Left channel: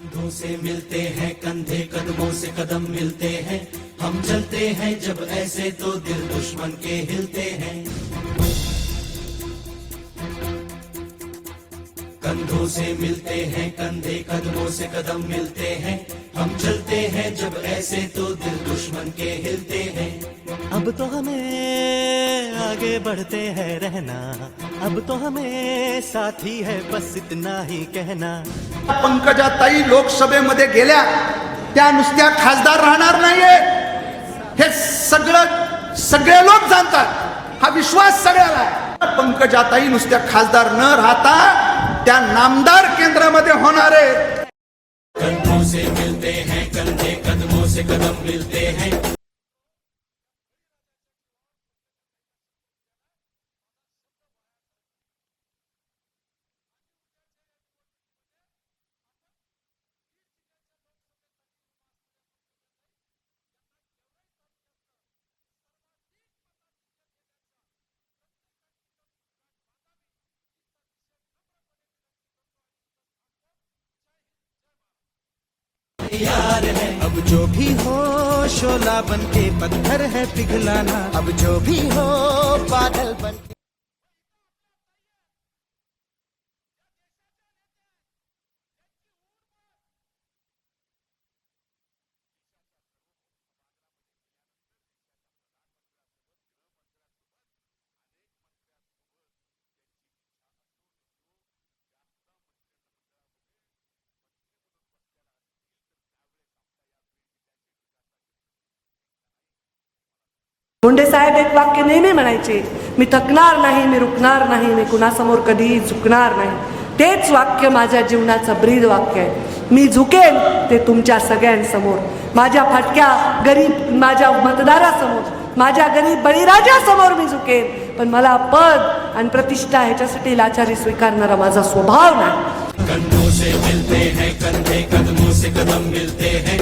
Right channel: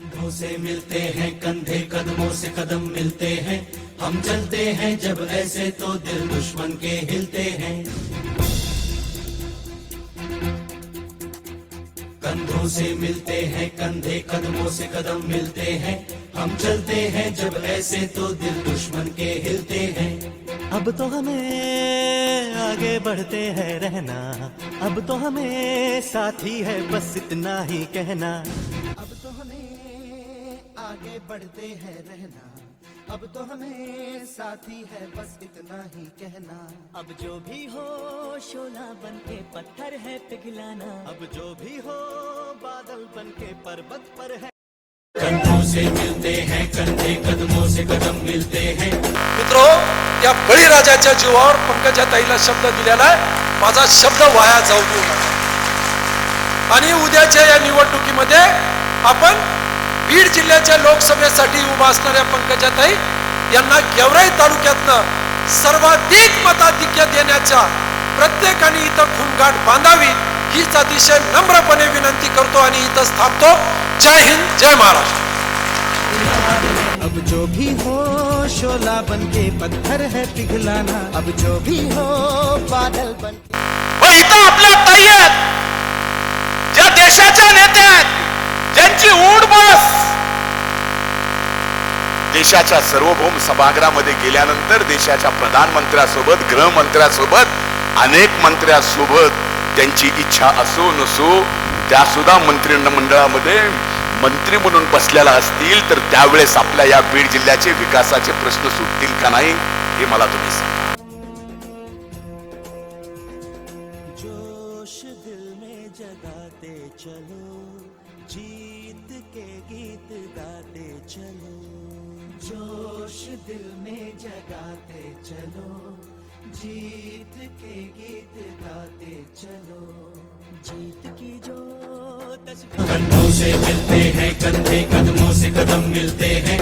कंधों से मिलते हैं, कंधे कदमों से कदम मिलते हैं। हम चलते हैं, जब ऐसे तो दिल दुश्मन के हिलते हैं। कंधों से मिलते हैं, कंधे कदमों से कदम मिलते हैं। हम चलते हैं जब ऐसे तो दिल दुश्मन के हिलते हैं। अब तो हमें आगे बढ़ते हैं रहना। अब तो हमें साथी है बस इतना ही कहना। पंकजाताई लोकसभेमध्ये गेल्या त्या नुसत्या खासदार राहणार नाहीये. हे सगळं सगळे लोक जाणतात. हा विश्वास सगळ्याला पंकजाताई नुसत्या खासदार न राहता त्या नामदार केंद्रामध्ये होणार कंधों से मिलते हैं कंधे कदमों से कदम मिलते हैं। मित्रो या बळीराजाच्या जीवावर पंकजाताईला शब्द दिलेला आहे. माझा शब्द वाया जाऊ देऊ नका. आणि उद्याच्या या निवडणुकीमध्ये आपण बीड जिल्ह्याच्या लोकसभेसाठी उभा असणाऱ्या पंकजाताई यांना गेवराई तालुक्यातनं सर्वाधिक मताधिक्य देण्याच्या प्रत्येकाने इथं खुणगाठ बांधावी. हीच अतिशय नम्रपणे विनंती करतो आणि इथंच थांबतो जय हिंद जय महाराष्ट्र. अब जो भी हो शोला बन के पत्थर है पिघलाना। अब जो भी हो बादल बन इथं आपल्या ताई आहेत. ज्या देशाच्या नेत्या आहेत ज्यांची ऊड बस. देशाच्या सार्वभौम सभागृहामध्ये गेल्यानंतर देशाच्या प्रधानमंत्र्यासोबत गृहमंत्र्यासोबत अनेक मंत्र्यासोबत त्यांची इच्छा असो नसो त्या सुद्धा मंत्रिमंडळामध्ये मंत्री म्हणून बसलेला असतील तर त्यावेळेस आपल्या या बीड जिल्ह्याचे विकासाचे प्रश्न सुटतील का नाही हे मला तुम्ही सांगा. मुंडे साहेब एक वाक्य नेहमी म्हणायचे. मी थकणार नाही मी रुकणार नाही मी कुणासमोर कधीही झुकणार नाही. तेच वाक्य माझ्या जीवनाचं ब्रीद वाक्य आहे. मी झुकेन ते तुमच्या सगळ्यांसमोर. माझ्या फाटक्या गरीब माझ्या मतदारासमोर. माझ्या गरीब बळीराजासमोर मी झुकेन. पण मला पद आणि प्रतिष्ठा ह्याच्यासाठी लाचारी स्वीकारणारा माझा स्वभाव नाही. कंधों से मिलते हैं कंधे कदमों से कदम मिलते हैं।